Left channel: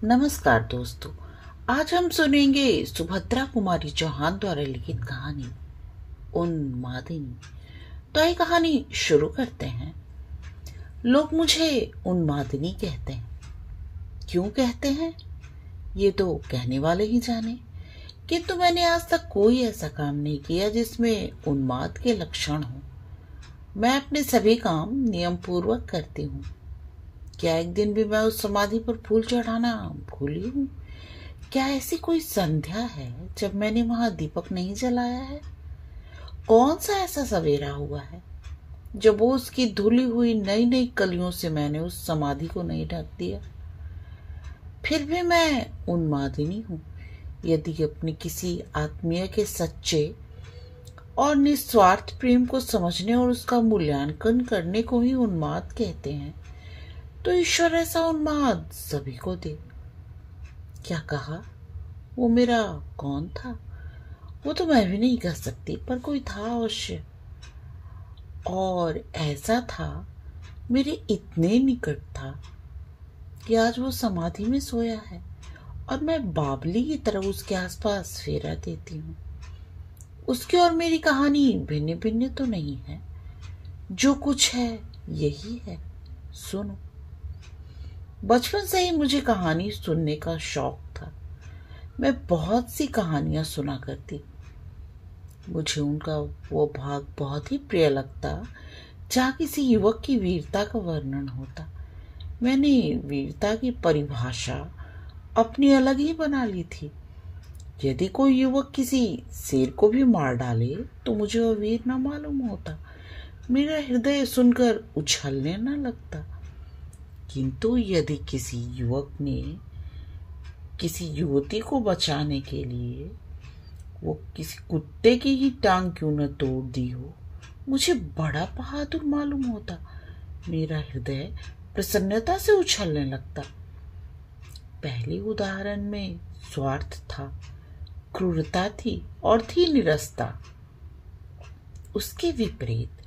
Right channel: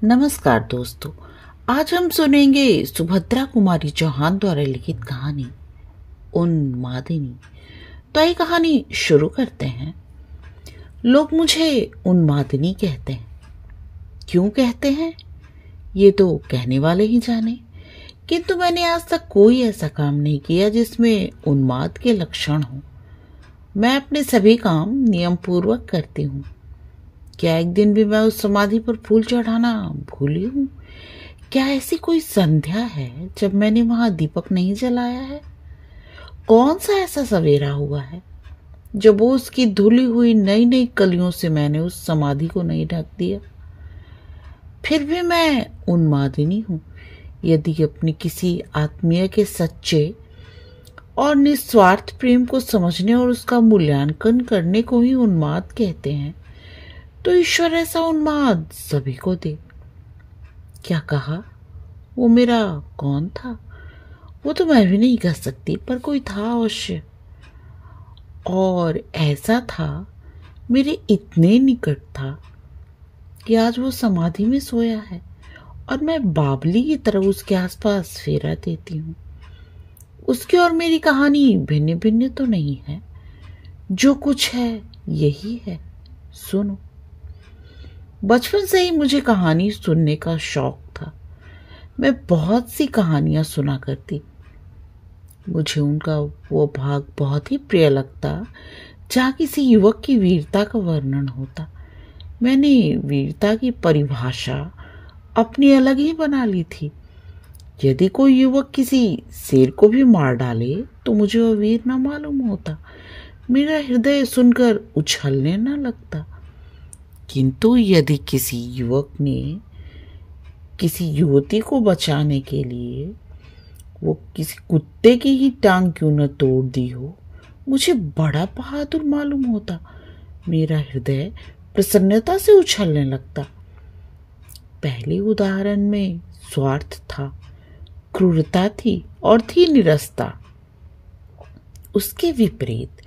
नमस्कार दोस्तों। आज हम सुनेंगे सुभद्रा कुमारी चौहान द्वारा लिखित कहानी उन्मादिनी। तो ये कहानी शुरू करते हैं। लोग मुझे उन्मादिनी कहते हैं। क्यों कहते हैं ये तो कहने वाले ही जाने, किंतु मैंने आज तक कोई ऐसा काम नहीं किया जिसमें उन्माद के लक्षण हो। मैं अपने सभी काम नियम पूर्वक करती हूँ। क्या एक दिन भी मैं उस समाधि पर फूल चढ़ाना भूली हूँ? क्या ऐसी कोई संध्या है जब मैंने वहां दीपक नहीं जलाया है? कौन सा ऐसा सवेरा हुआ है जब वो उसकी धुली हुई नई नई कलियों से मैंने उस समाधि को नहीं ढक दिया? फिर भी मैं उन्मादिनी हूँ। यदि अपनी किसी आत्मीय के सच्चे और निस्वार्थ प्रेम को समझने और उसका मूल्यांकन करने को ही उन्माद कहते हैं, तो ईश्वर ऐसा उन्माद सभी को दे। क्या कहा? वो मेरा कौन था? वो तो मैं भी नहीं कह सकती, पर कोई था अवश्य। और ऐसा था, मेरे इतने निकट था कि आज वो समाधि में सोया है और मैं बावली की तरह उसके आसपास फेरा देती हूँ। उसकी और मेरी कहानी भिन्न भिन्न तो नहीं है, जो कुछ है यही है। सुनो। बचपन से ही मुझे कहानी सुनने का शौक था। मैं बहुत सी कहानियां सुना करती। मुझे उनका वो भाग बहुत ही प्रिय लगता जहाँ किसी युवक की वीरता का वर्णन होता। मैंने वीरता की परिभाषा अपनी अलग ही बना ली थी। यदि कोई युवक किसी शेर को भी मार डाले तो मुझे वह वीर न मालूम होता। मेरा हृदय सुनकर उछलने न लगता। किंतु यदि किसी युवक ने किसी युवती को बचाने के लिए वो किसी कुत्ते की ही टांग क्यों न तोड़ दी हो, मुझे बड़ा बहादुर मालूम होता। मेरा हृदय प्रसन्नता से उछलने लगता। पहले उदाहरण में स्वार्थ था, क्रूरता थी और थी निरस्ता। उसके विपरीत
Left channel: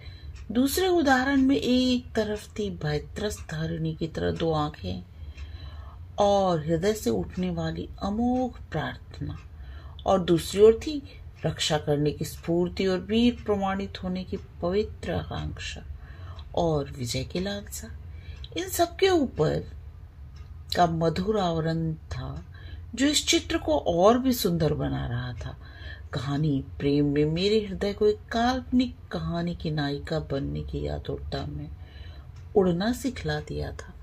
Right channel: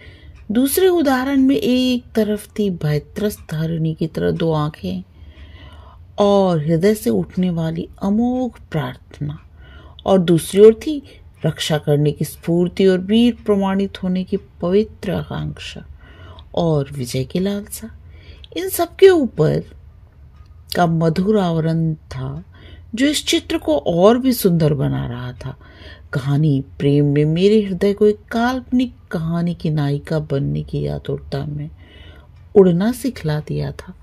दूसरे उदाहरण में एक तरफ थी भयत्रस्त हरिणी की तरह दो आंखें और हृदय से उठने वाली अमोघ प्रार्थना, और दूसरी ओर थी रक्षा करने की स्फूर्ति और वीर प्रमाणित होने की पवित्र आकांक्षा और विजय की लालसा। इन सबके ऊपर का मधुर आवरण था जो इस चित्र को और भी सुंदर बना रहा था। कहानी प्रेम ने मेरे हृदय को एक काल्पनिक कहानी की नायिका बनने की आतुरता में उड़ना सिखला दिया था।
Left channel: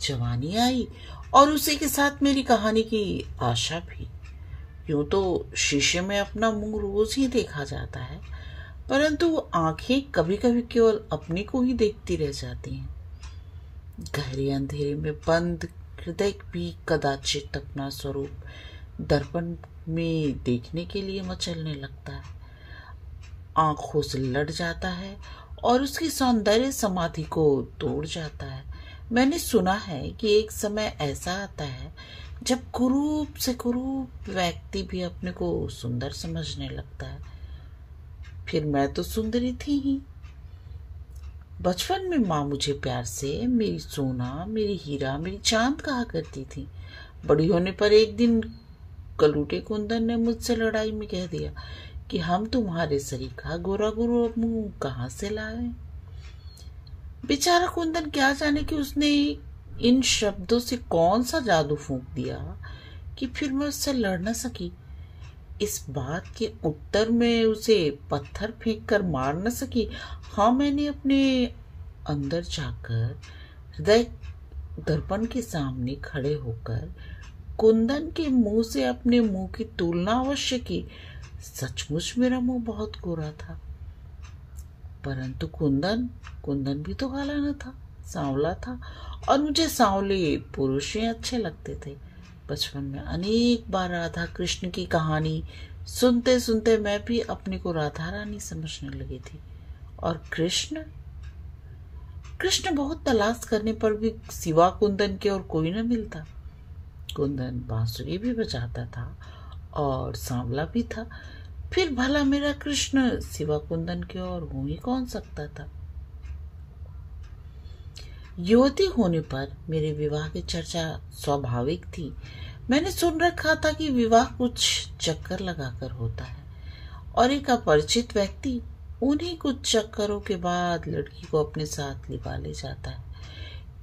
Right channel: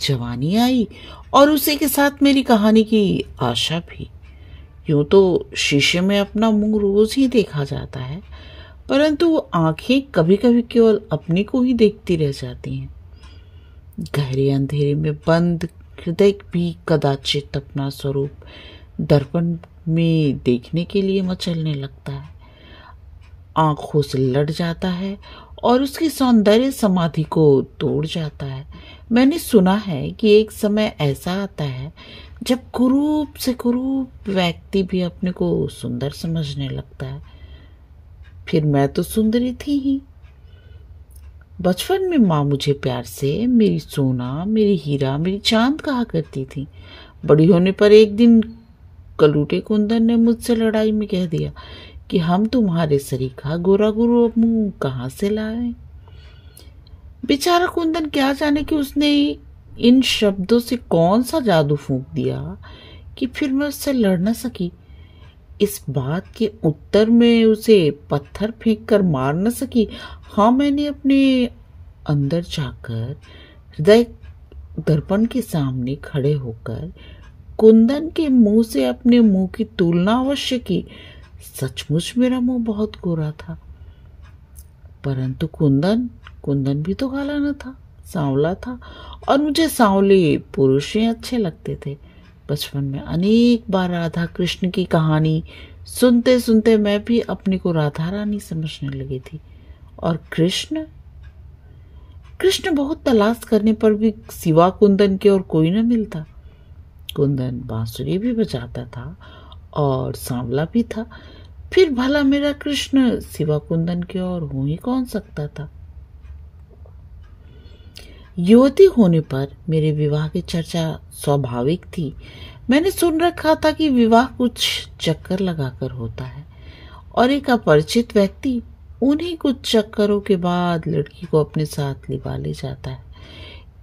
जवानी आई और उसी के साथ मेरी कहानी की आशा भी। यूं तो शीशे में अपना मुंह रोज ही देखा जाता है, परंतु आंखें कभी कभी केवल अपनी को ही देखती रह जाती हैं। गहरे अंधेरे में बंद हृदय भी कदाचित अपना स्वरूप दर्पण में देखने के लिए मचलने लगता है, आंखों से लड़ जाता है और उसकी सौंदर्य समाधि को तोड़ जाता है। मैंने सुना है कि एक समय ऐसा आता है जब कुरूप से कुरूप व्यक्ति भी अपने को सुंदर समझने लगता है। फिर मैं तो सुंदरी थी ही। बचपन में माँ मुझे प्यार से मेरी सोना, मेरी हीरा, मेरी चांद कहा करती थी। बड़ी होने पर एक दिन कलूटे कुंदन ने मुझसे लड़ाई में कह दिया कि हम तुम्हारे सरीखा गोरा गुरु मुंह कहाँ से लाए। बेचारा कुंदन क्या जाने कि उसने इन शब्दों से कौन सा जादू फूंक दिया कि फिर मैं उससे लड़ न सकी। इस बात के उत्तर में उसे पत्थर फेंक कर मार न सकी। हाँ, मैंने अपने अंदर जाकर हृदय दर्पण के सामने खड़े होकर कुंदन के मुंह से अपने मुंह की तुलना अवश्य की। सचमुच मेरा मुंह बहुत गोरा था, परंतु कुंदन भी तो काला न था, सांवला था, और मुझे सांवले पुरुष ही अच्छे लगते थे। बचपन में अनेक बार राधा कृष्ण की कहानी सुनते सुनते मैं भी अपने को राधा रानी समझने लगी थी। और कृष्ण बहुत तलाश करने पर भी सिवा कुंदन के और कोई न मिलता। कुंदन बांसुरी भी बजाता था और सांवला भी था। फिर भला मेरा कृष्ण सिवा कुंदन के और हो ही कौन सकता था। युवती होने पर मेरे विवाह की चर्चा स्वाभाविक थी। मैंने सुन रखा था कि विवाह कुछ चक्कर लगाकर होता है और एक अपरिचित व्यक्ति उन्हीं कुछ चक्करों के बाद लड़की को अपने साथ लिवा ले जाता है।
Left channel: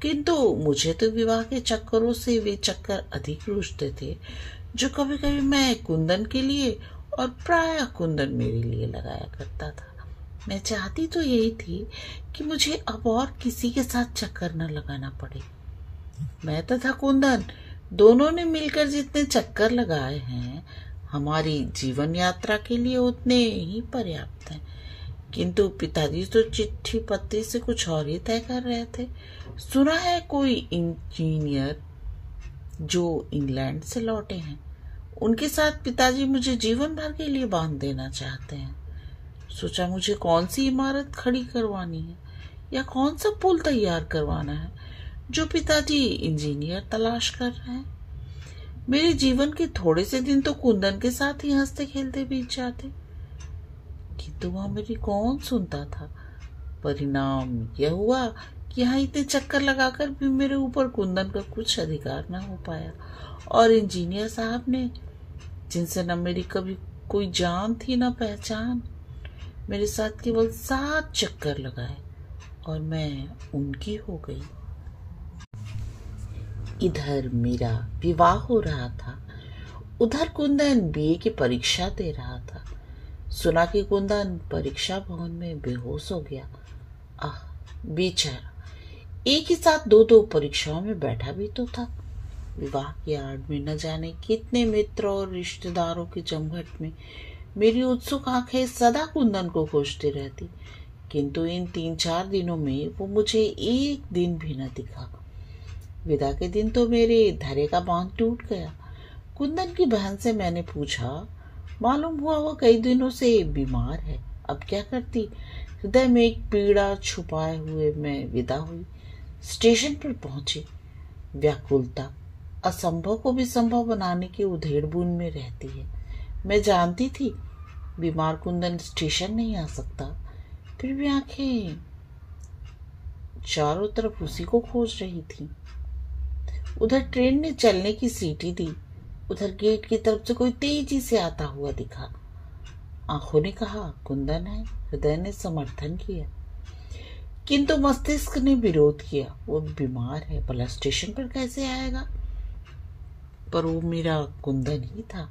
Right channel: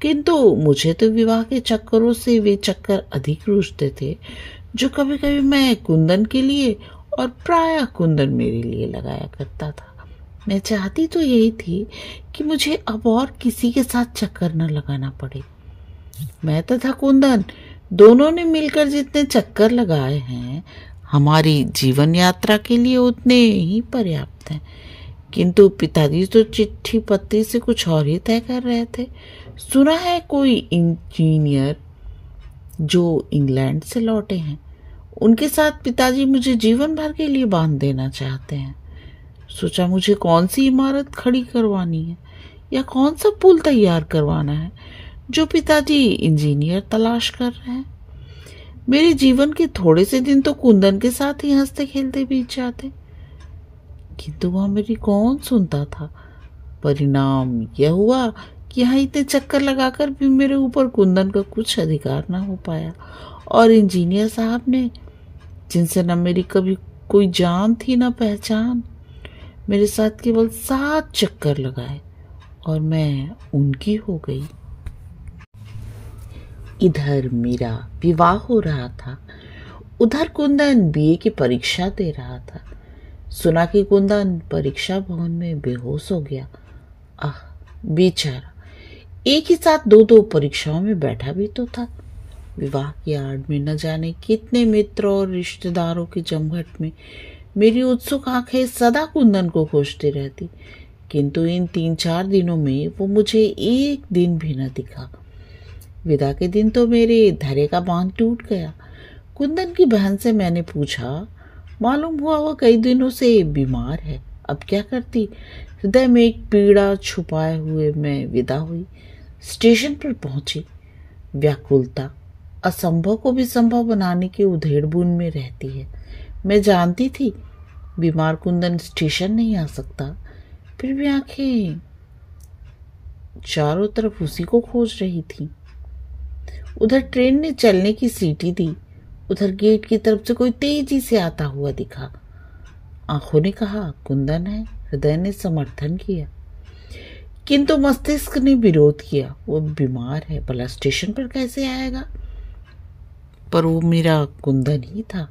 किंतु मुझे तो विवाह के चक्करों से वे चक्कर अधिक रुचते थे जो कभी कभी मैं कुंदन के लिए और प्रायः कुंदन मेरे लिए लगाया करता था। मैं चाहती तो यही थी कि मुझे अब और किसी के साथ चक्कर न लगाना पड़े। मैं तथा कुंदन दोनों ने मिलकर जितने चक्कर लगाए हैं हमारी जीवन यात्रा के लिए उतने ही पर्याप्त हैं। किंतु पिताजी तो चिट्ठी पत्री से कुछ और ही तय कर रहे थे। सुना है कोई इंजीनियर जो इंग्लैंड से लौटे हैं, उनके साथ पिताजी मुझे जीवन भर के लिए बांध देना चाहते हैं। सोचा मुझे कौन सी इमारत खड़ी करवानी है या कौन सा पुल तैयार करवाना है जो पिताजी इंजीनियर तलाश कर रहे हैं। मेरे जीवन के थोड़े से दिन तो कुंदन के साथ ही हंसते खेलते बीत जाते, किंतु वह मेरी कौन सुनता था। परिणाम यह हुआ कि यहाँ इतने चक्कर लगाकर भी मेरे ऊपर कुंदन का कुछ अधिकार न हो पाया और इंजीनियर साहब ने, जिनसे न मेरी कभी कोई जान थी न पहचान, मेरे साथ केवल 7 चक्कर लगाए और मैं उनकी हो गई। इधर मेरा विवाह हो रहा था, उधर कुंदन बीए की परीक्षा दे रहा था। सुना कि कुंदन परीक्षा भवन में बेहोश हो गया। आह बेचारा, एक ही साथ 2 परीक्षाओं में बैठा भी तो था। विवाह की आड़ में न जाने कितने मित्र और रिश्तेदारों के जमघट में मेरी उत्सुक आंखें सदा कुंदन को खोजती रहती, किंतु इन 3-4 दिनों में वो मुझे एक दिन भी न दिखा। विदा के दिन तो मेरे धैर्य का बांध टूट गया। कुंदन की बहन से मैंने पूछा, मालूम हुआ वो कई दिनों से बीमार है। अब क्या करती। हृदय में एक पीड़ा छुपाए हुए मैं विदा हुई। स्टेशन पर पहुंची। व्याकुलता असंभव को भी संभव बनाने की उधेड़-बुन में रहती है। मैं जानती थी बीमार कुंदन स्टेशन नहीं आ सकता, फिर भी आंखें चारों तरफ उसी को खोज रही थी। उधर ट्रेन ने चलने की सीटी दी, उधर गेट की तरफ से कोई तेजी से आता हुआ दिखा। आंखों ने कहा कुंदन है, हृदय ने समर्थन किया, किंतु मस्तिष्क ने विरोध किया। वो बीमार है, भला स्टेशन पर कैसे आएगा। पर वो मेरा कुंदन ही था।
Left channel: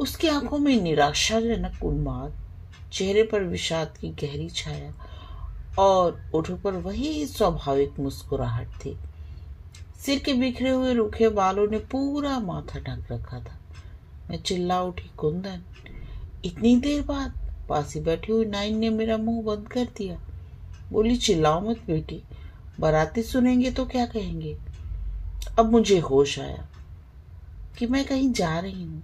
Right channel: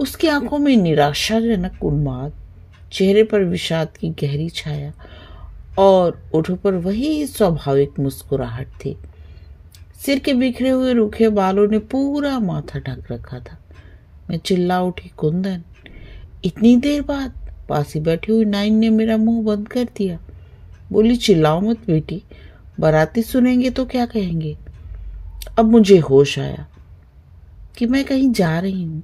उसकी आंखों में निराशाजनक उन्माद, चेहरे पर विषाद की गहरी छाया और ओठों पर वही स्वाभाविक मुस्कुराहट थी। सिर के बिखरे हुए रूखे बालों ने पूरा माथा ढक रखा था। मैं चिल्ला उठी, कुंदन। इतनी देर बाद पास ही बैठी हुई नाइन ने मेरा मुंह बंद कर दिया। बोली, चिल्लाओ मत बेटी, बाराती सुनेंगे तो क्या कहेंगे। अब मुझे होश आया कि मैं कहीं जा रही हूँ,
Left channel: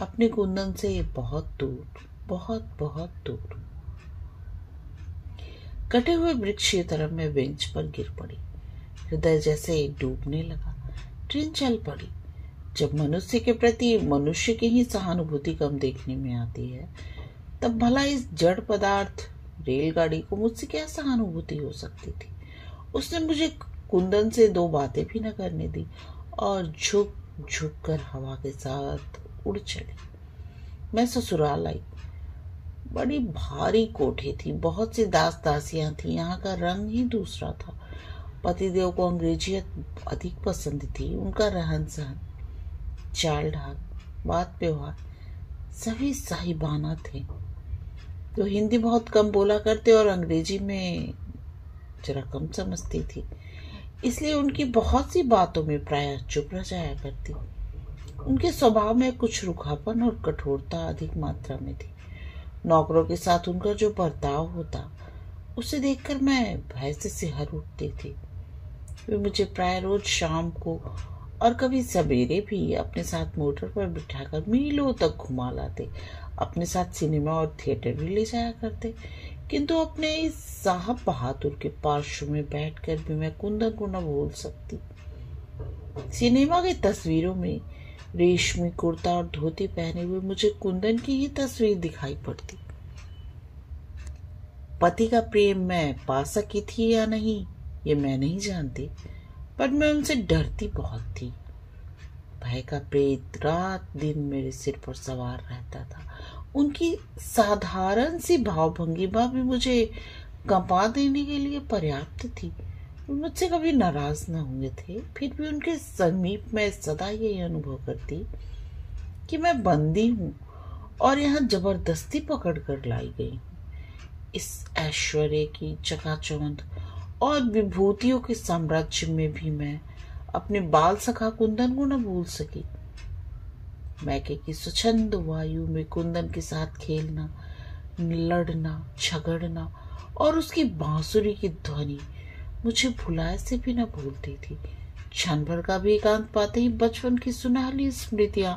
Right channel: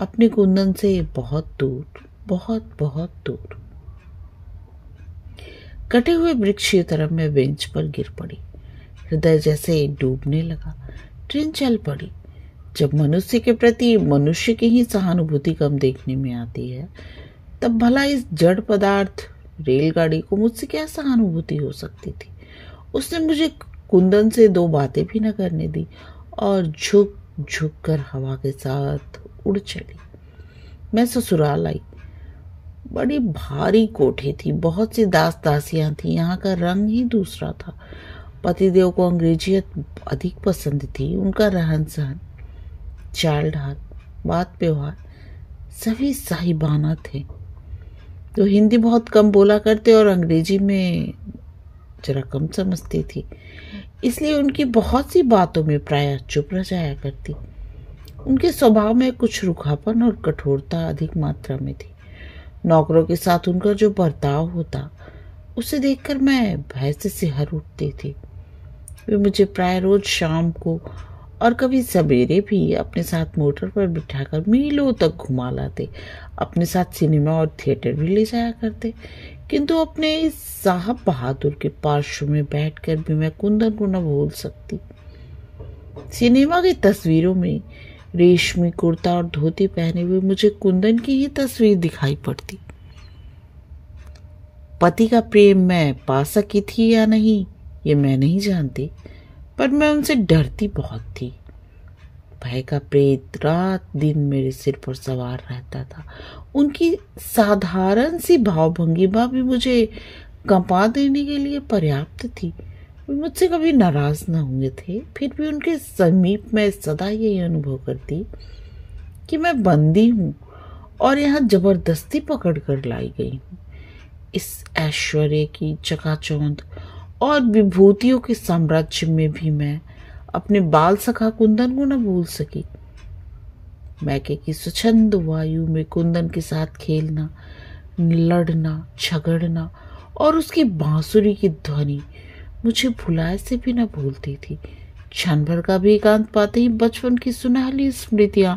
अपने कुंदन से बहुत दूर, बहुत बहुत दूर। कटे हुए वृक्ष की तरफ मैं बेंच पर गिर पड़ी। हृदय जैसे डूबने लगा। ट्रेन चल पड़ी। जब मनुष्य के प्रति मनुष्य की ही सहानुभूति कम देखने में आती है, तब भला इस जड़ पदार्थ रेलगाड़ी को मुझसे क्या सहानुभूति हो सकती थी। उसने मुझे कुंदन से 2 बातें भी न करने दी और झुक झुक कर हवा के साथ उड़ चली। मैं ससुराल आई। बड़ी भारी कोठी थी, बहुत सी दास दासियां थी। यहाँ का रंग ही दूसरा था। पतिदेव को अंग्रेजियत अधिक पसंद थी। उनका रहन सहन, चाल ढाल, बात व्यवहार सभी साहिबाना थे। तो हिंदी बहुत कम बोला करते और अंग्रेजी में जरा कम समझती थी, इसलिए उनकी बहुत सी बातों में प्रायः चुप रह जाया करती। उनके स्वभाव में कुछ रुखापन और कठोरता अधिक मात्रा में थी। नौकरों के साथ उनका जो बर्ताव होता, उसे देखकर मैं भय से सिहर उठती थी। वे मुझे प्राय रोज शाम को और कभी सवेरे भी अपने साथ मोटर पर बिठाकर मीलों तक घुमा लाते। अपने साथ सिनेमा और थिएटर भी ले जाया करते, किंतु अपने इस साहब बहादुर के पार्श्व में बैठकर भी मैं कुंदन को न भूल सकती। सिनेमा की तस्वीरों में रेशमी कुर्ता और धोती पहने हुए मुझे कुंदन की ही तस्वीर दिखाई पड़ती। पति का प्रेम मैं पा सकी थी या नहीं, ये मैं नहीं जानती, पर मैं उनसे डरती बहुत थी। भय का प्रेत रात दिन मेरे सिर पर सवार रहता था। उनकी साधारण सी भावभंगिमा भी मुझे कंपा देने के लिए पर्याप्त थी। वे मुझसे कभी नाराज न हुए थे, फिर भी उनके समीप में सदा यही अनुभव करती कि मैं बंदी हूँ और यहाँ जबरदस्ती पकड़ कर लाई गई हूँ। इस ऐश्वर्य की चकाचौंध और विभूतियों के साम्राज्य में भी मैं अपने बाल सखा कुंदन को न भूल सकी। मैके की स्वच्छंद वायु में कुंदन के साथ खेलना, लड़ना, झगड़ना और उसकी बांसुरी की ध्वनि मुझे भुलाए से भी न भूलती थी। क्षण भर का भी एकांत पाते ही बचपन की सुनहली स्मृतियां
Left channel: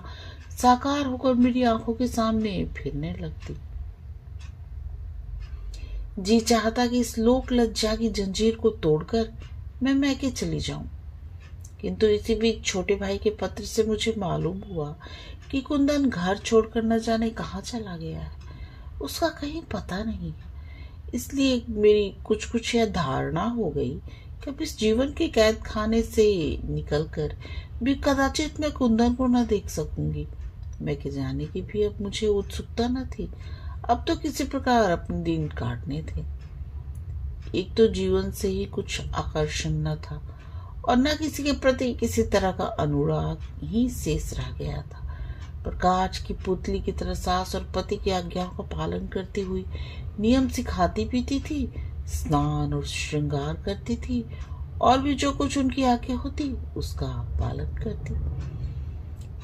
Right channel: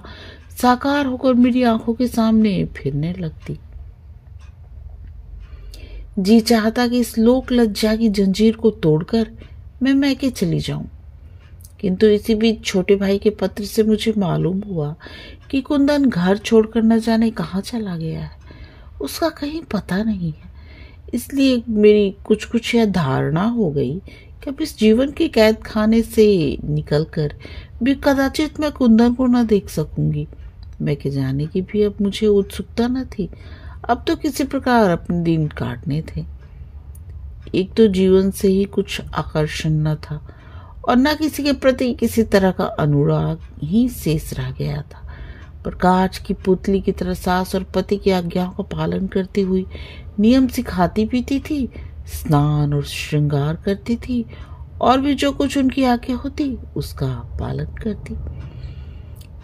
साकार होकर मेरी आंखों के सामने फिरने लगती। जी चाहता कि इस लोक लज्जा की जंजीर को तोड़कर मैं मैके चली जाऊं, किंतु इसी बीच छोटे भाई के पत्र से मुझे मालूम हुआ कि कुंदन घर छोड़कर न जाने कहाँ चला गया है। उसका कहीं पता नहीं है। इसलिए मेरी कुछ यह धारणा हो गई कि अब इस जीवन के कैद खाने से निकलकर भी कदाचित मैं कुंदन को न देख सकूंगी। मैके जाने की भी अब मुझे उत्सुकता न थी। अब तो किसी प्रकार अपने दिन काटने थे। एक तो जीवन से ही कुछ आकर्षण न था और न किसी के प्रति किसी तरह का अनुराग ही शेष रह गया था। पर कांच की पुतली की तरह सास और पति की आज्ञाओं का पालन करती हुई नियम से खाती पीती थी, स्नान और श्रृंगार करती थी और भी जो कुछ उनकी आज्ञा होती उसका पालन करती।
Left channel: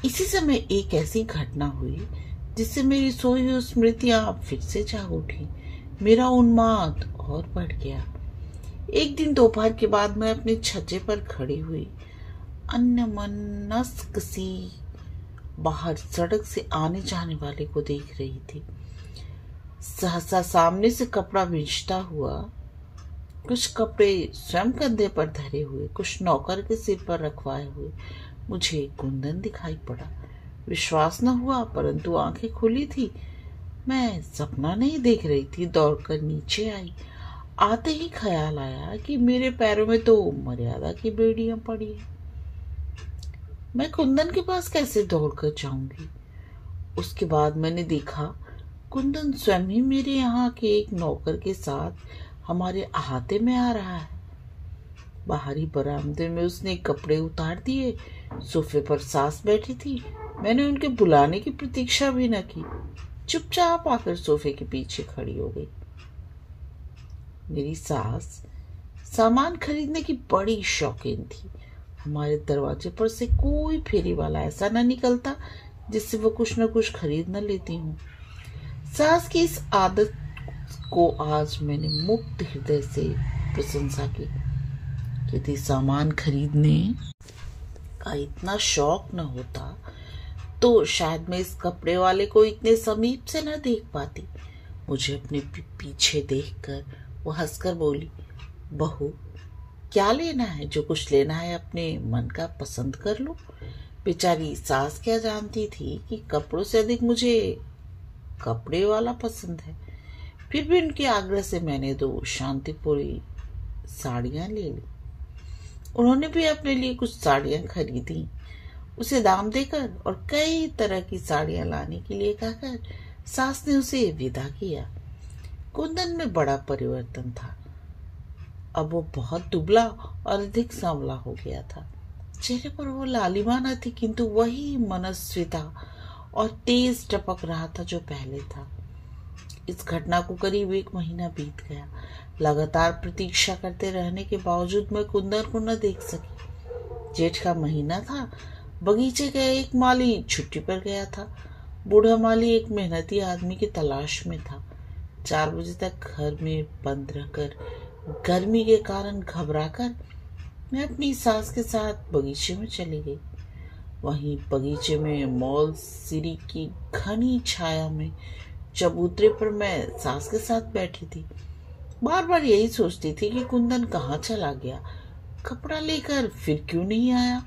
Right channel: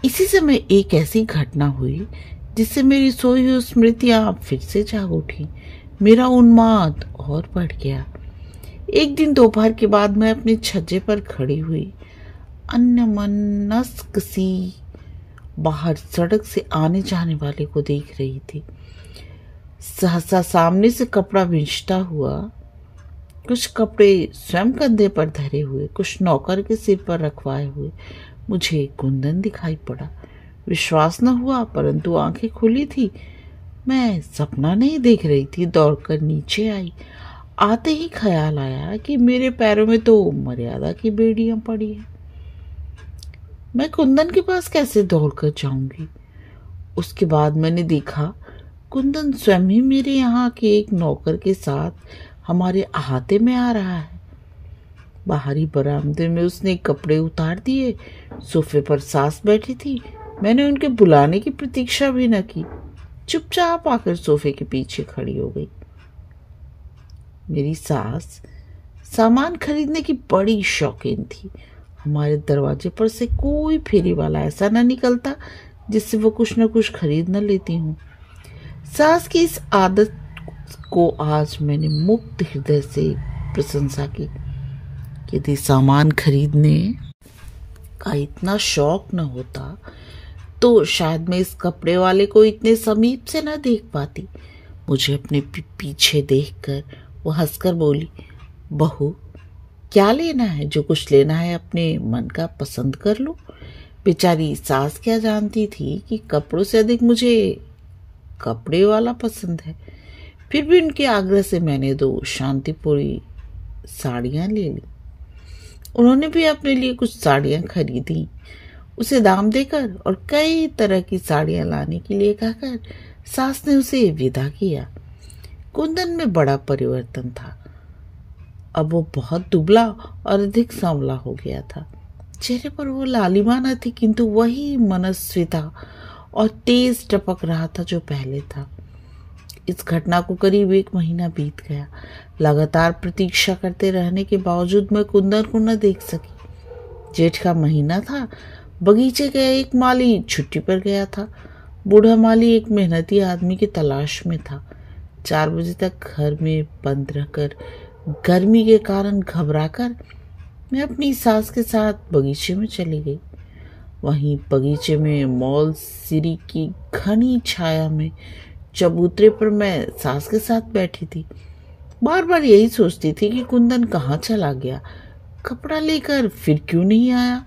इसी समय एक ऐसी घटना हुई जिससे मेरी सोई हुई स्मृतियां फिर से जाग उठी। मेरा उन्माद और बढ़ गया। एक दिन दोपहर के बाद मैं अपने छज्जे पर खड़ी हुई अन्यमनस्क सी बाहर सड़क से आने जाने वाले को देख रही थी। सहसा सामने से कपड़ा बिछता हुआ, कुछ कपड़े स्वयं कंधे पर धरे हुए, कुछ नौकर के सिर पर रखवाए हुए मुझे कुंदन दिखाई पड़ा। विश्वास न हुआ, परंतु आंखें खुली थी। मैं सपना नहीं देख रही थी। दौड़कर नीचे आई। आते ही ख्याल आया कि मेरे पैरों में तो मर्यादा की बेड़ियां पड़ी हैं। मैं कुंदन के पास कैसे दौड़कर जाऊंगी? उसके बाद मैंने देखा कुंदन स्वयं ही मेरे यहाँ के एक नौकर के साथ हमारे अहाते में आ रहा है। बाहरी बरामदे में उसने कपड़े उतार दिए। सोफे पर सास बैठी थी। मैंने उनके बुलाने की प्रतीक्षा भी न की, चुपचाप आकर सोफे के पीछे खड़ी हो गई। मेरी सास सामान खरीदने की बड़ी शौकीन थी। हमारे दरवाजे पर से कोई फेरी वाला ऐसा न निकलता जिससे वो कुछ न कुछ खरीद न लेती हूँ। सास की इस आदत को आज मैंने मुक्त हृदय से प्रशंसा की। यदि सामान खरीदने का इतना शौक न होता तो शायद मैं इस कपड़े वाले को इतने समीप से न देख पाती। मुझे अपने पीछे देखकर वो हंसकर बोली, बहू क्या लेना है? जो कुछ लेना है अपने मन का पसंद कर लो। बेचारी सास क्या जानती थी कि कपड़ों से अधिक मुझे कपड़े वाला पसंद है। फिर भी उनके आग्रह से मैंने 2 शांतिपुरी साड़ियां ले ली। उन्होंने भी अपने लिए कुछ साड़ियां खरीदी। उसे दाम देकर और कई तरह की साड़ियां लाने के लिए कहकर सास ने उसे विदा किया। कुंदन में बड़ा परिवर्तन था। अब वो बहुत दुबला और अधिक सांवला हो गया था। चेहरे पर वो लालिमा न थी, किंतु वही मनस्विता और तेज टपक रहा था जो पहले था। इस घटना को करीब 1 महीना बीत गया। लगातार प्रतीक्षा करते रहने के बावजूद मैं कुंदन को न देख सकी। जेठ का महीना था। बगीचे का एक माली छुट्टी पर गया था। बूढ़ा माली एक मेहनती आदमी की तलाश में था। 4 बजे तक घर में बंद रहकर गर्मी के कारण घबराकर मैं अपनी सास के साथ बगीचे में चली गई। वहीं बगीचे में मौल सिरी की घनी छाया में चबूतरे पर मैं सास के साथ बैठी थी। बार बार यही सोचती थी कि कुंदन कहाँ चला गया, कपड़ा लेकर फिर क्यों नहीं आया,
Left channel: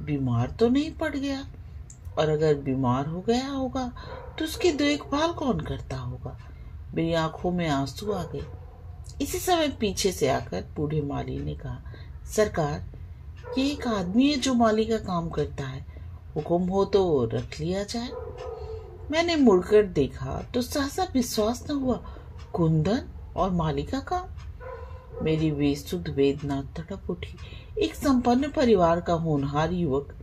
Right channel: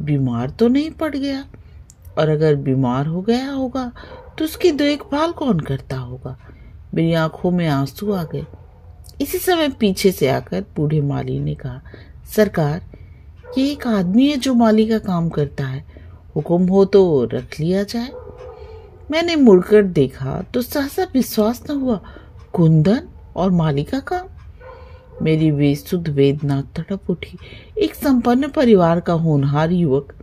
बीमार तो नहीं पड़ गया, और अगर बीमार हो गया होगा तो उसकी देखभाल कौन करता होगा। मेरी आंखों में आंसू आ गए। इसी समय पीछे से आकर बूढ़े माली ने कहा, सरकार, ये एक आदमी है जो माली का काम करता है, हुक्म हो तो रख लिया जाए। मैंने मुड़कर देखा तो सहसा विश्वास न हुआ, कुंदन और माली का काम। मेरी बेसुध वेदना तड़प उठी। एक संपन्न परिवार का होनहार युवक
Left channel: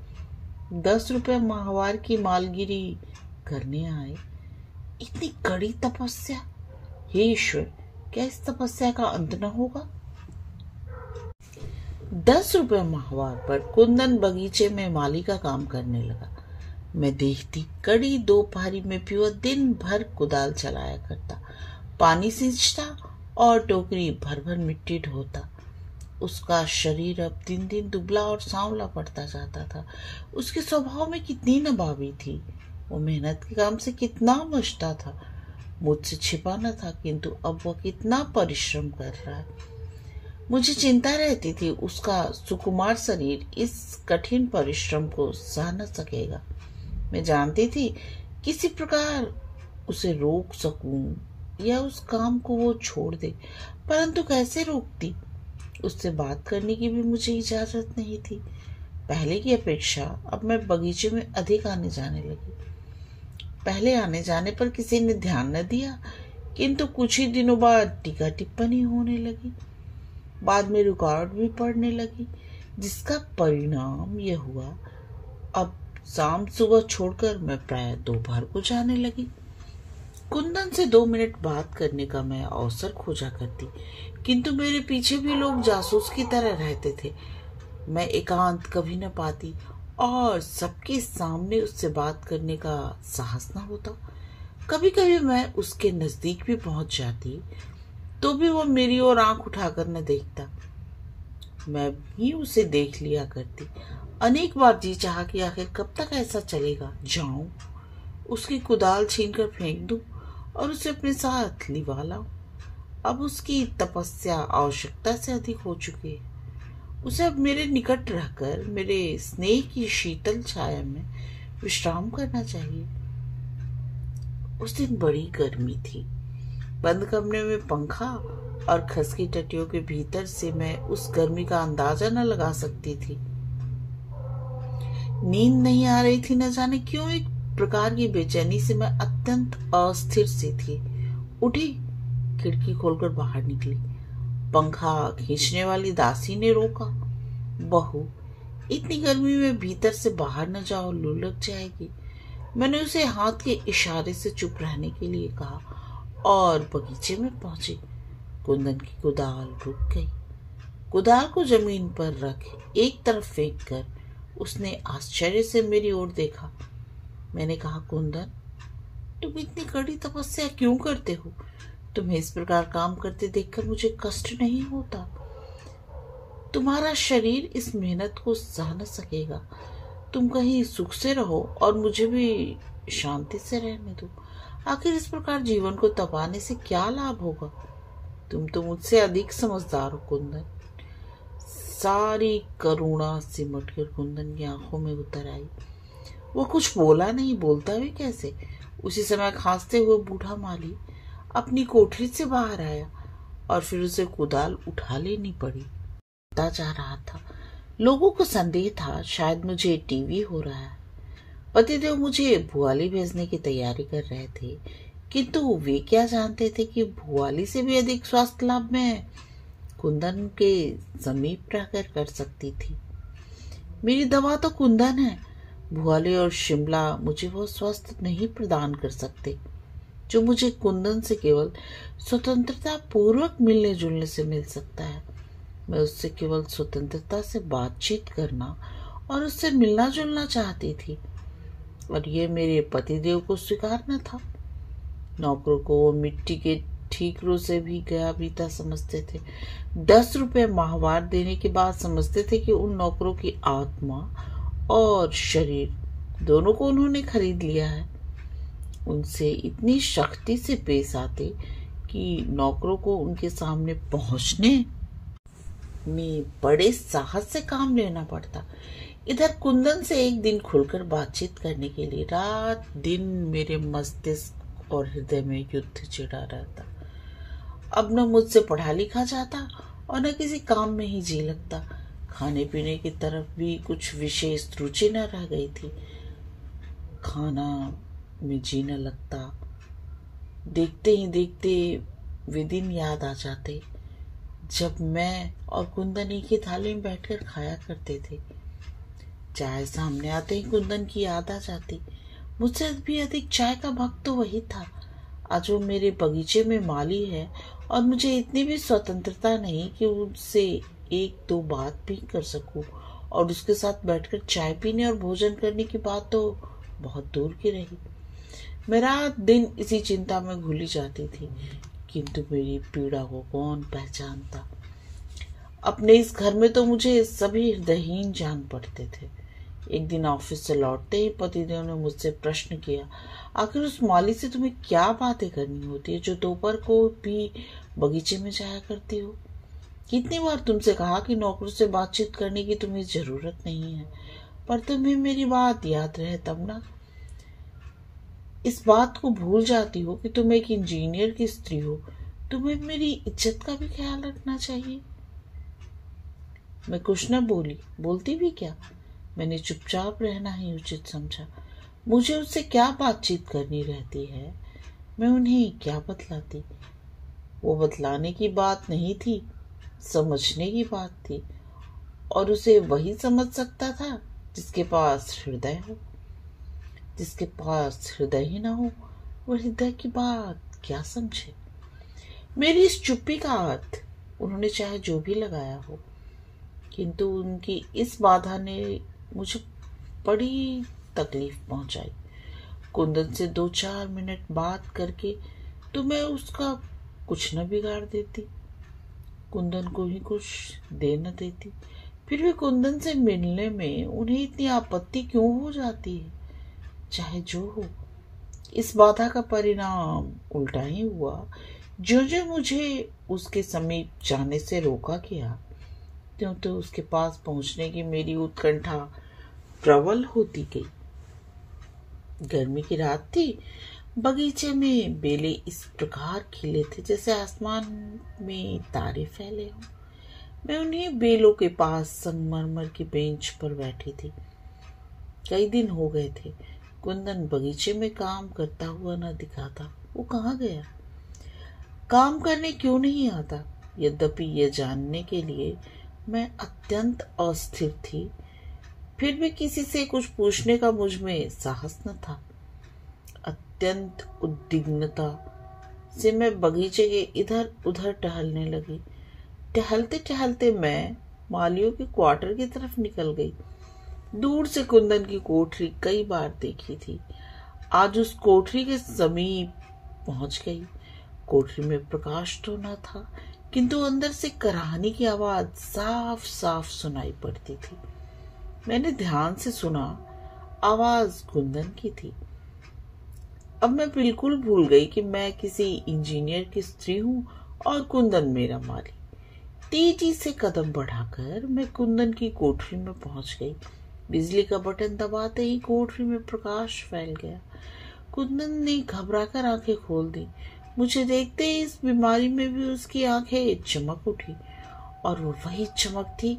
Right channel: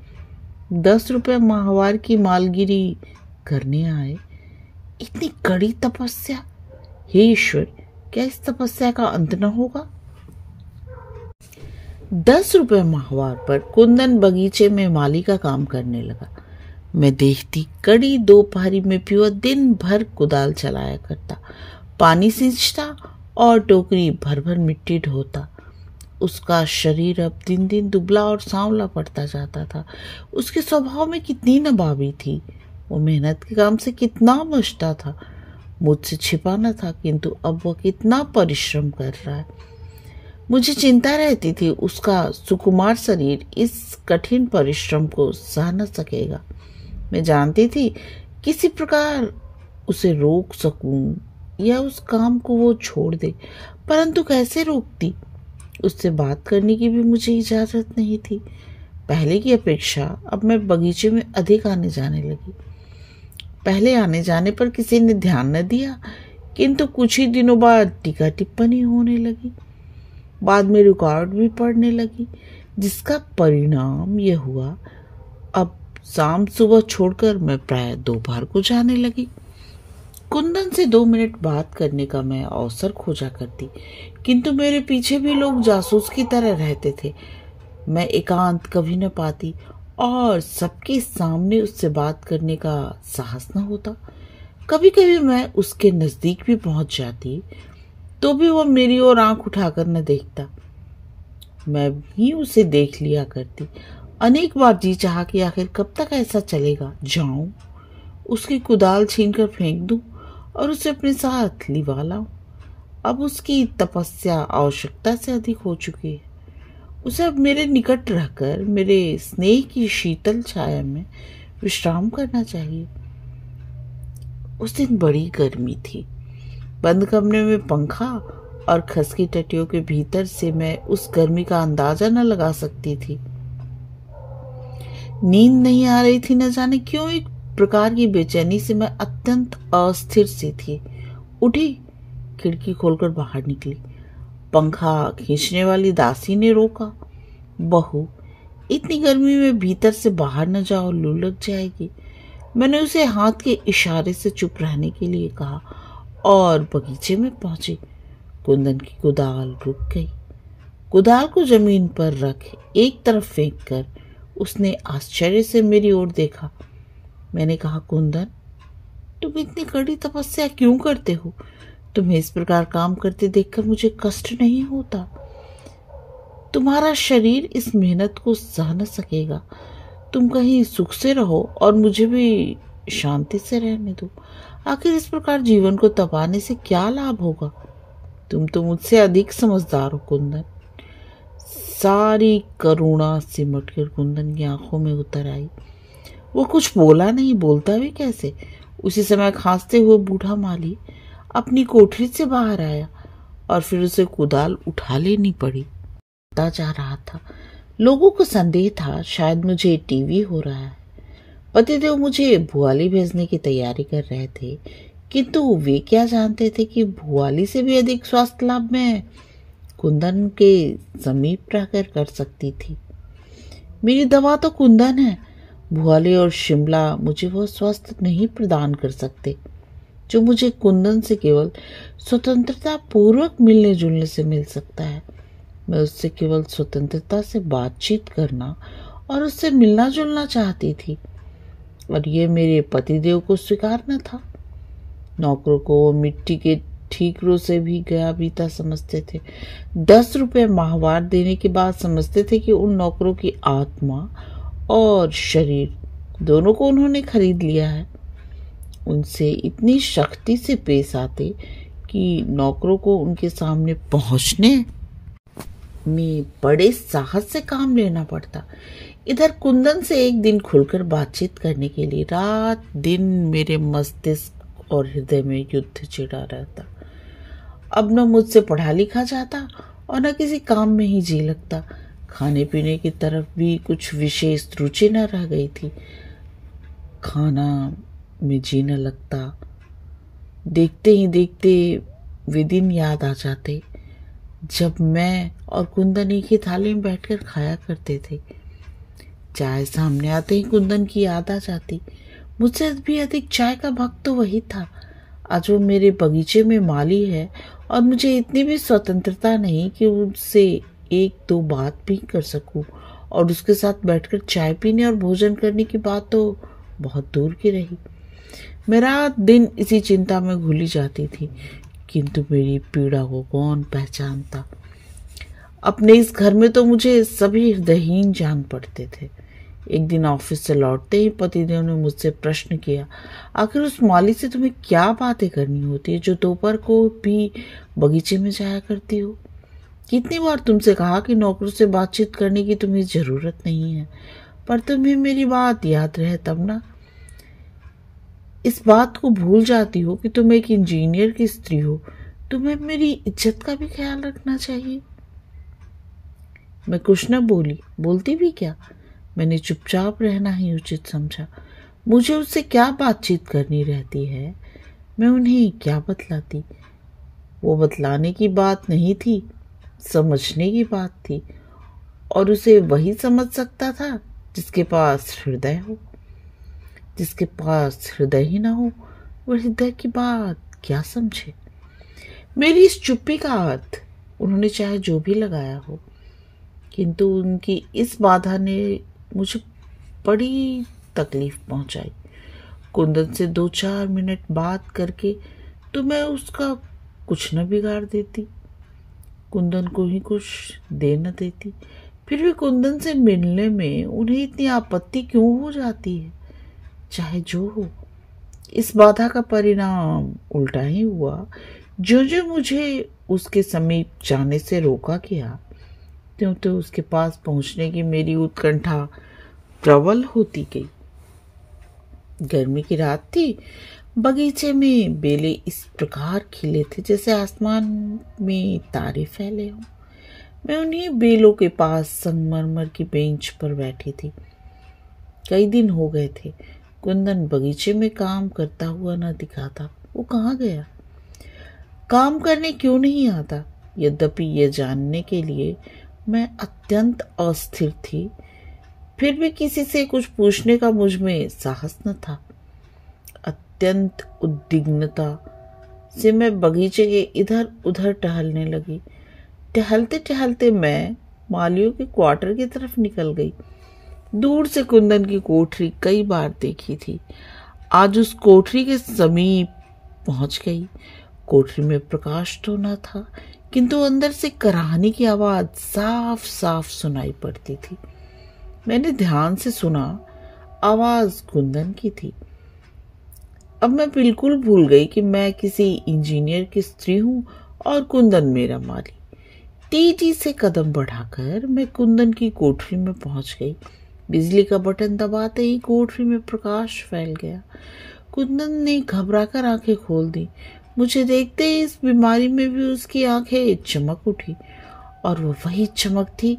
10 रुपए माहवार की मालगिरी करने आए। इतनी कड़ी तपस्या! हे ईश्वर, क्या इस तपस्या का अंत न होगा? 10 रुपए माहवार पर कुंदन बगीचे में माली का काम करने लगा। मैं देखती कड़ी दोपहरी में पियो दिन भर कुदाल चलाया करता, पानी सींचता और टोकरी भर भर मिट्टी ढोता। उसका शरीर अब दिन दिन दुबला और सांवला पड़ता जाता था। उसके स्वभाव में कितनी नबाबी थी। वो मेहनत के काम से कितना बचता था। मुझसे छिपा न था, किंतु अब वह कितना परिश्रम कर रहा है। मुझे चिंता रहती थी उसका सुकुमार शरीर इस कठिन परिश्रम को सह न सकेगा। मैं जानती थी किसी प्रकार उसे रोक सकूं या उस काम को वो छोड़ दे, परंतु कैसे रोकती? उससे बात करने की भी मुझे इजाजत नहीं थी। पहले की अपेक्षा अब मैं बगीचे में अधिक आने जाने लगी। पहले आने जाने पर किसी ने ध्यान न दिया, किंतु कुछ ही दिनों बाद टीका टिप्पणी होने लगी। बाद में रिकॉर्ड भी पढ़ने लगी, जिसका परिणाम यह हुआ, अब शाम सुबह छोड़कर मैं प्राय दोपहर को जाने लगी। कुंदन से 2 मिनट बात करने का मैं अवसर खोजा करती, किंतु मेरे पीछे भी लोग जासूस की तरह रहते थे। मैं एकांत कभी न पाती और सबके सामने उससे बात करने का साहस न होता। कभी कभी मैं उसके नजदीक भी पहुंच जाती तो भी वह मेरी ओर आंख उठाकर न देखता। मैं भी उसे देख लिया करती। अनेक बार जी चाहा कि आखिर कब तक ऐसा चलेगा। जाऊं, उसकी कुदाल छीनकर फेंक दूं और उसे अपने साथ लिवा लाऊं। अब उसकी तपस्या आवश्यकता से अधिक हो चुकी है। उसे अब मेरे निकट रहकर मेरे स्नेह की शीतल छाया में विश्राम करना चाहिए। उस दिन बड़ी गर्मी थी। बंद कमरे में पंखा और खसकी टटियों के भीतर से मैं उस गर्मी का अंदाजा न लगा सकती थी। नींद नहीं आ रही थी, न जाने क्यों एक प्रकार की बेचैनी से मैं अत्यंत अस्थिर सी थी। उठी, खिड़की खोलकर बाहर निकली। पंखा खींचने वाली दासी ने रोका। बहू, इतनी गर्मी में भीतर से बाहर न जाओ, लू लग जाएगी। मैंने उसे हाथ के इशारे से चुप रहने के लिए कहा और बगीचे में पहुंची। कुंदन की कुदाल रुक गई। कुदाल को जमीन पर रख एक तरफ फेंक कर उसने आश्चर्य से मेरी ओर देखा। मैंने कहा, कुंदन, तुम इतनी कड़ी तपस्या क्यों करते हो? तुम्हें इस प्रकार काम करते देखकर मुझे कष्ट नहीं होता। तुम्हारा शरीर इस मेहनत को सह न सकेगा। तुम कहीं सुख से रहो और मुझे भी शांति से रहने दो। आखिर इस प्रकार जीवन को तपाने से क्या लाभ होगा? तुम तो मुझसे अधिक समझदार हो कुंदन। सारी करुणा सिमटकर कुंदन की आंखों में उतर आई। वो कुछ बोला नहीं, बोलता भी कैसे। उसी समय खांसते हुए बूढ़ा माली अपनी कोठरी से बाहर आया और फिर उसे कुदाल उठा लेनी पड़ी। जा रहा था। लोगों को संदेह था शायद मुझे टीवी हो रहा है। पतिदेव मुझे भुआली भेजने की तैयारी कर रहे थे, किंतु वे क्या जानते थे कि भुआली से भी अधिक स्वास्थ्य लाभ मैं कुंदन के समीप रहकर कर सकती थी। मेरी दवा तो कुंदन है। भुआली और शिमला मुझे वह स्वास्थ्य नहीं प्रदान कर सकते जो मुझे कुंदन से केवल स्वतंत्रता पूर्वक मिलने जुलने से मिल सकता है। मैं उससे केवल स्वतंत्रता से बातचीत करना और उससे मिलना जुलना चाहती थी, और ये मेरे पतिदेव को स्वीकार न था। नौकरों को वो मिट्टी के ठीकरों से भी गया बीता समझते थे। 10 रुपए माहवार देने के बाद समझते थे कि उन नौकरों की आत्मा और शरीर दोनों को उन्होंने खरीद लिया है। उनसे इतनी सख्ती से पेश आते कि नौकरों को उनके सामने पहुंचने में बड़े साहस से काम लेना पड़ता। इधर कुंदन से एक दिन खुलकर बातचीत करने के लिए रात दिन मेरे मस्तिष्क और हृदय में युद्ध छिड़ा रहता। अब न मुझसे पढ़ा लिखा जाता और न किसी काम में ही जी लगता। खाने पीने की तरफ भी कुछ विशेष रुचि न रह गई थी। खाना में जी न लगता। देखते ही देखते वे दिन याद आ जाते जब मैं और कुंदन एक ही थाली में बैठकर खाया करते थे। चाय सामने आते ही कुंदन की याद आ जाती। मुझसे भी अधिक चाय का भक्त तो वही था। आज वो मेरे बगीचे में माली है और मुझे इतनी भी स्वतंत्रता नहीं कि उससे एक दो बात भी कर सकूं, और उसके साथ बैठकर चाय पीने और भोजन करने की बात तो बहुत दूर की रही। मेरा दिन इसी चिंता में घुली जाती थी, किंतु मेरी पीड़ा को कौन पहचानता। अपने इस घर में तो मुझे सभी हृदयहीन जान पड़ते थे। एक दिन ऑफिस से लौटते ही पतिदेव ने मुझसे प्रश्न किया, आखिर उस माली से तुम्हें क्या बातें करनी होती है जो दोपहर को भी बगीचे में जाया करती हो? कितनी बार तुमसे कहा कि नौकरों से बातचीत करने की तुम्हें जरूरत नहीं है, पर तुम्हें मेरी बात याद रहे तब ना। इस बात को भूल जाती हो कि तुम एक इंजीनियर की स्त्री हो। तुम्हें मेरी इज्जत का भी ख्याल रखना चाहिए। मैं कुछ न बोली, बोलती भी क्या। मैंने चुपचाप रहना ही उचित समझा। मुझे उससे क्या बातचीत करनी रहती है, मैं उन्हें क्या बतलाती। वो बतलाने की बात नहीं थी, समझने की बात थी, और उसे वही समझ सकता था जिसके पास हृदय हो। जिसके पास हृदय ही ना हो, वो हृदय की बात क्या समझे। मेरी इस चुप्पी का अर्थ उन्होंने चाहे जो भी लगाया हो, किंतु उनकी इस बाधा ने मुझे बड़ी तकलीफ पहुंचाई। कुंदन से 2-4 मिनट बात करके तो मैं उसका कुछ न बिगाड़ देती, कुंदन को ही कुछ दे न देती। फिर भी कुंदन से मिलने में उन्हें इतनी आपत्ति क्यों हो जाती है? चाहे जो हो, इस बाधा का परिणाम उल्टा ही हुआ। जो जो मुझे उसके समीप जाने से रोका गया, त्यों तो उसके पास पहुंचने की मेरी उत्कंठा प्रबल होती गई। गर्मी की रात थी। बगीचे में बेले इस प्रकार खिले थे जैसे आसमान में तारे फैले हों। मैं उन्हीं बेलों के पास संगमरमर की बेंच पर बैठी थी। कई दिन हो गए थे कुंदन बगीचे में काम करता हुआ न दिखाता। वो कहाँ गया? काम करने क्यों नहीं आता? यद्यपि यह जानने के लिए मैं अत्यंत अस्थिर थी, फिर भी किसी से कुछ पूछने का मुझ में साहस न था। अत्यंत उद्विग्नता से मैं बगीचे के इधर उधर टहलने लगी। टहलते टहलते मैं मालियों के क्वार्टर की तरफ निकल गई। दूर से कुंदन की कोठरी कई बार देखी थी। आज उस कोठरी के समीप पहुंच गई। कोठरी में प्रकाश तो न था, किंतु अंदर से कराहने की आवाज साफ साफ सुनाई पड़ती थी। मैंने ध्यान से सुना, आवाज कुंदन की थी। अब मैं बिल्कुल भूल गई कि मैं किसी इंजीनियर की स्त्री हूं और कुंदन मेरा माली। तेजी से कदम बढ़ाकर मैं कुंदन की कोठरी में पहुंच गई। बिजली का बटन दबाते ही कोठरी में प्रकाश फैल गया। कुंदन ने घबराकर आंखें खोल दी। मुझे देखते ही इस बीमारी में भी उसकी आंखें चमक उठी, और वो वही चमक थी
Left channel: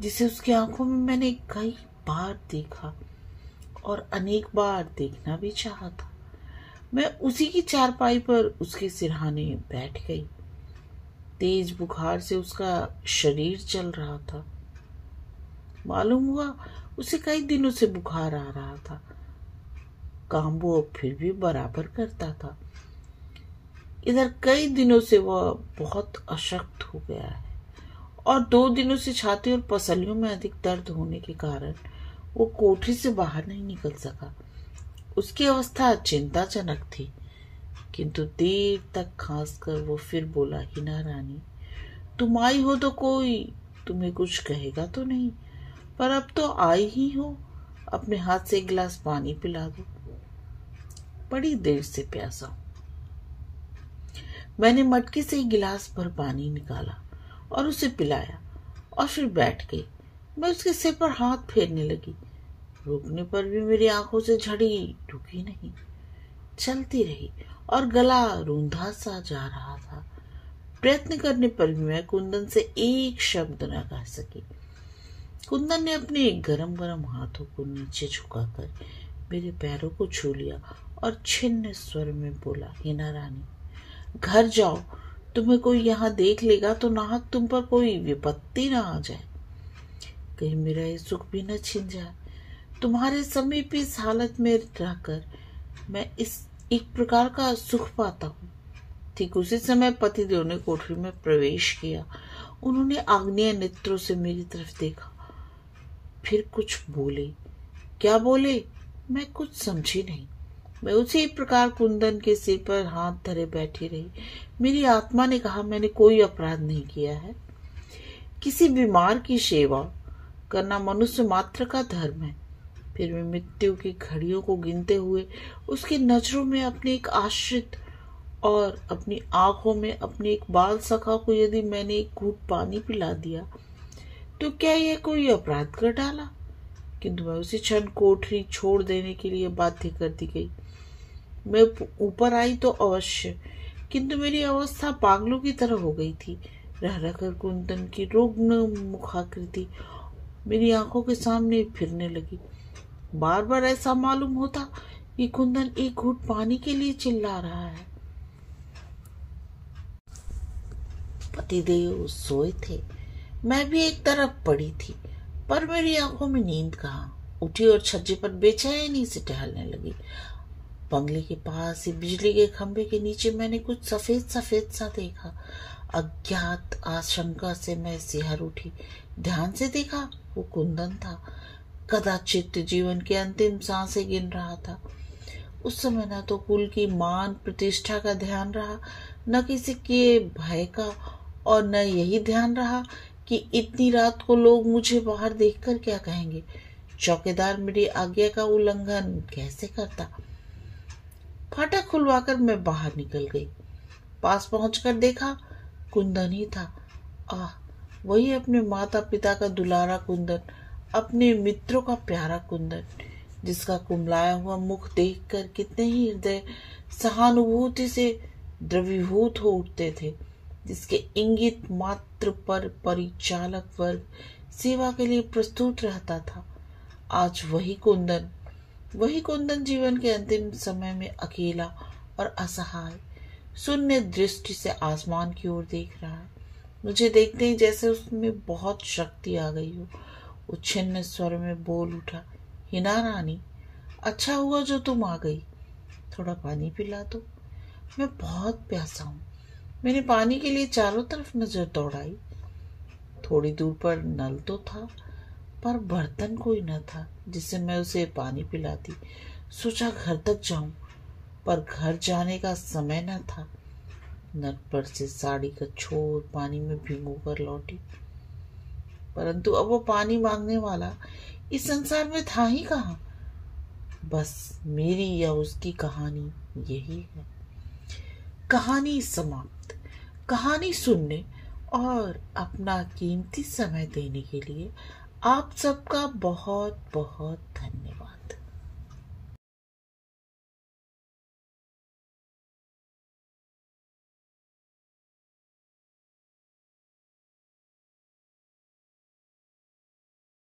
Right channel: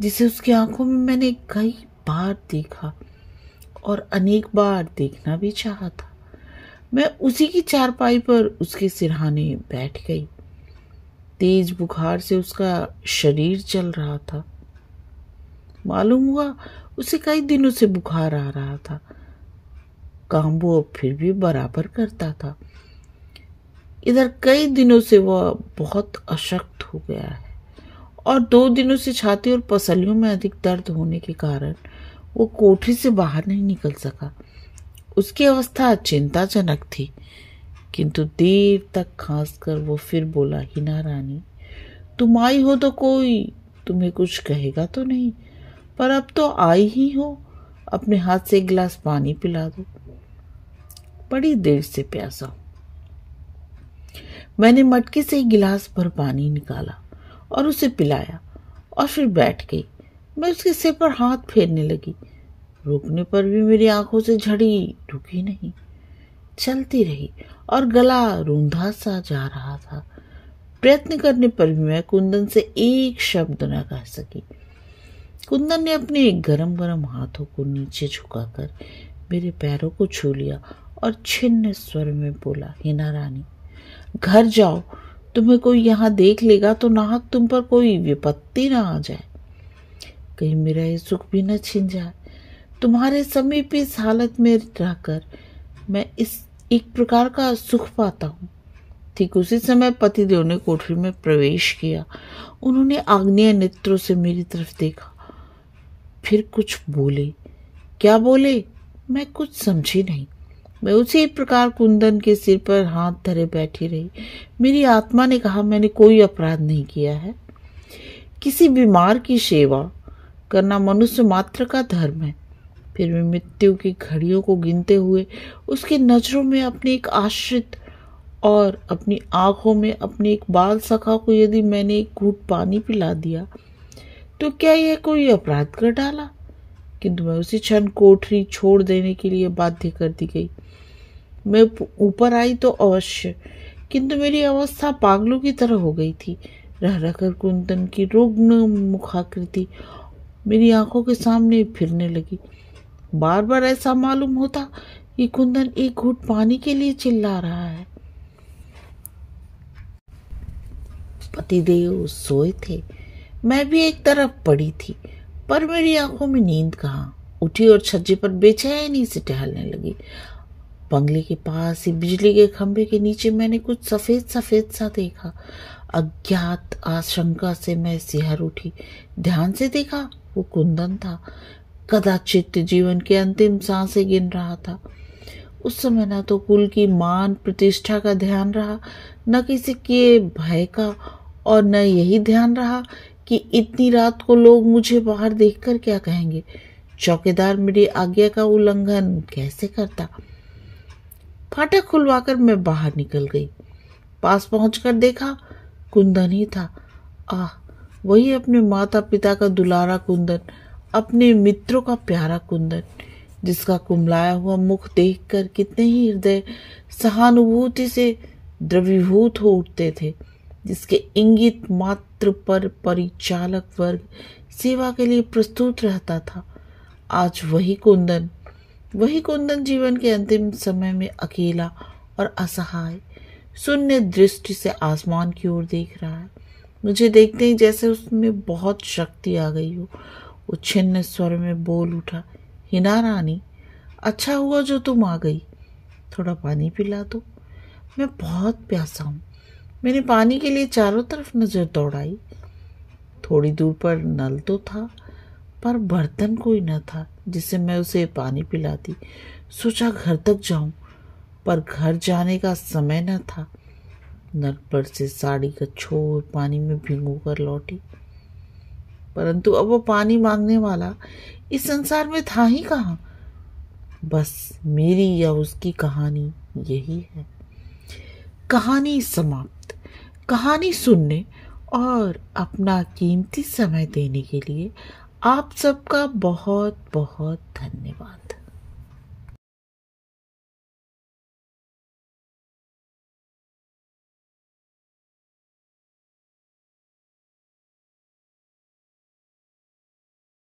जिसे उसकी आंखों में मैंने कई बार देखा और अनेक बार देखना भी चाहा था। मैं उसी की चारपाई पर उसके सिरहाने बैठ गई। तेज बुखार से उसका शरीर जल रहा था। मालूम हुआ उसे कई दिनों से बुखार आ रहा था। काम वो फिर भी बराबर करता था। इधर कई दिनों से वह बहुत अशक्त हो गया है, और 2 दिनों से छाती और पसलियों में अधिक दर्द होने के कारण वो कोठरी से बाहर नहीं निकल सका। उसकी अवस्था चिंताजनक थी, किंतु देर तक खांसकर वो फिर बोला, हिना रानी, तुम आई हो तो कोई तुम्हें कुछ कहेगा तो नहीं, पर अब तो आई ही हो, अपने हाथ से एक गिलास पानी पिला दो। बड़ी देर से प्यासा हूं। मैंने मटके से एक गिलास भर पानी निकाला और उसे पिलाया और फिर बैठ गई। मैं उसके सिर पर हाथ फेरने लगी। रुकने पर भी मेरी आंखों से झड़ी रुकी नहीं, चलती रही और गला रूंधा सा जा रहा था। प्रयत्न करने पर भी मैं कुंदन से एक शब्द न कह सकी। कुंदन ने अपने गरम गरम हाथों को नीचे झुकाकर मेरे पैरों को छू लिया और छिन्न स्वर में बोला, हिना रानी, घर जाओ, तुम्हें कोई यहाँ देख लेगा तो नाहक तुम पर कोई विपत्ति ना आ जाए, कहीं मेरा ये सुख भी न छिन जाए। तुम्हारे समीप इस हालत में रहकर मैं इस एक प्रकार का सुख पाता हूँ। ठीक उसी समय पतिदेव ने कोठरी में प्रवेश किया। उन्होंने आग्नेय नेत्रों से मेरी तरफ देखा, फिर कुछ बोले। क्या बोले मैं कुछ समझी नहीं। मैं उसी प्रकार कुंदन के सिर पर हाथ धरे बैठी रही। मेरी आत्मा ने कहा, मैंने कोई अपराध नहीं किया है। किसी बीमार की सेवा करना मनुष्य मात्र का धर्म है। फिर मैं मृत्यु की घड़ियों को गिनते हुए उसकी नजरों में अपने एक आश्रित और अपनी आंखों में अपने एक बाल सखा को यदि मैंने एक घूंट पानी पिला दिया तो क्या यह कोई अपराध कर डाला? किंतु मैं उसी क्षण कोठरी छोड़ देने के लिए बाध्य कर दी गई। मैं ऊपर आई तो अवश्य, किंतु मेरी अवस्था पागलों की तरह हो गई थी। रह रहकर कुंदन की रुग्ण मुखाकृति मेरी आंखों के सामने फिरने लगी। बार बार ऐसा मालूम होता कि कुंदन एक घूंट पानी के लिए चिल्ला रहा है। पतिदेव सोए थे, मैं भी एक तरफ पड़ी थी, पर मेरी आंखों में नींद कहाँ। उठी और छज्जे पर बेचैनी से टहलने लगी। बंगले के पास ही बिजली के खंभे के नीचे मैंने कुछ सफेद सफेद सा देखा। अज्ञात आशंका से मैं सिहर उठी। ध्यान से देखा, वो कुंदन था। कदाचित जीवन के अंतिम सांसें गिन रहा था। उस समय न तो कुल की मान प्रतिष्ठा का ध्यान रहा, न किसी के भय का, और न यही ध्यान रहा कि इतनी रात को लोग मुझे बाहर देखकर क्या कहेंगे। चौकीदार मेरी आज्ञा का उल्लंघन कैसे करता। फाटक खुलवाकर मैं बाहर निकल गई। पास पहुंचकर देखा, कुंदन ही था। आह, वही अपने माता पिता का दुलारा कुंदन, अपने मित्रों का प्यारा कुंदन, जिसका कुमलाया हुआ मुख देखकर कितने ही हृदय सहानुभूति से द्रवीभूत हो उठते थे, जिसके इंगित मात्र पर परिचालक वर्ग सेवा के लिए प्रस्तुत रहता था। आज वही कुंदन जीवन के अंतिम समय में अकेला और असहाय शून्य दृष्टि से आसमान की ओर देख रहा है। मुझे देखते ही जैसे उसमें बहुत शक्ति आ गई हो। वो छिन्न स्वर में बोल उठा, हिना रानी, अच्छा हुआ जो तुम आ गई, थोड़ा पानी पिला दो, मैं बहुत प्यासा हूँ। मैंने पानी के लिए चारों तरफ नजर दौड़ाई। थोड़ी दूर पर नल तो था, पर बर्तन कोई न था जिससे मैं उसे पानी पिलाती। सोचा घर तक जाऊं, पर घर जाने का समय न था। नल पर से साड़ी का छोर पानी में भिगो कर लौटी, परंतु अब वो पानी मांगने वाला इस संसार में था ही कहाँ। बस मेरी या उसकी कहानी यही है। कहानी समाप्त। कहानी सुनने और अपना कीमती समय देने के लिए आप सबका बहुत बहुत धन्यवाद।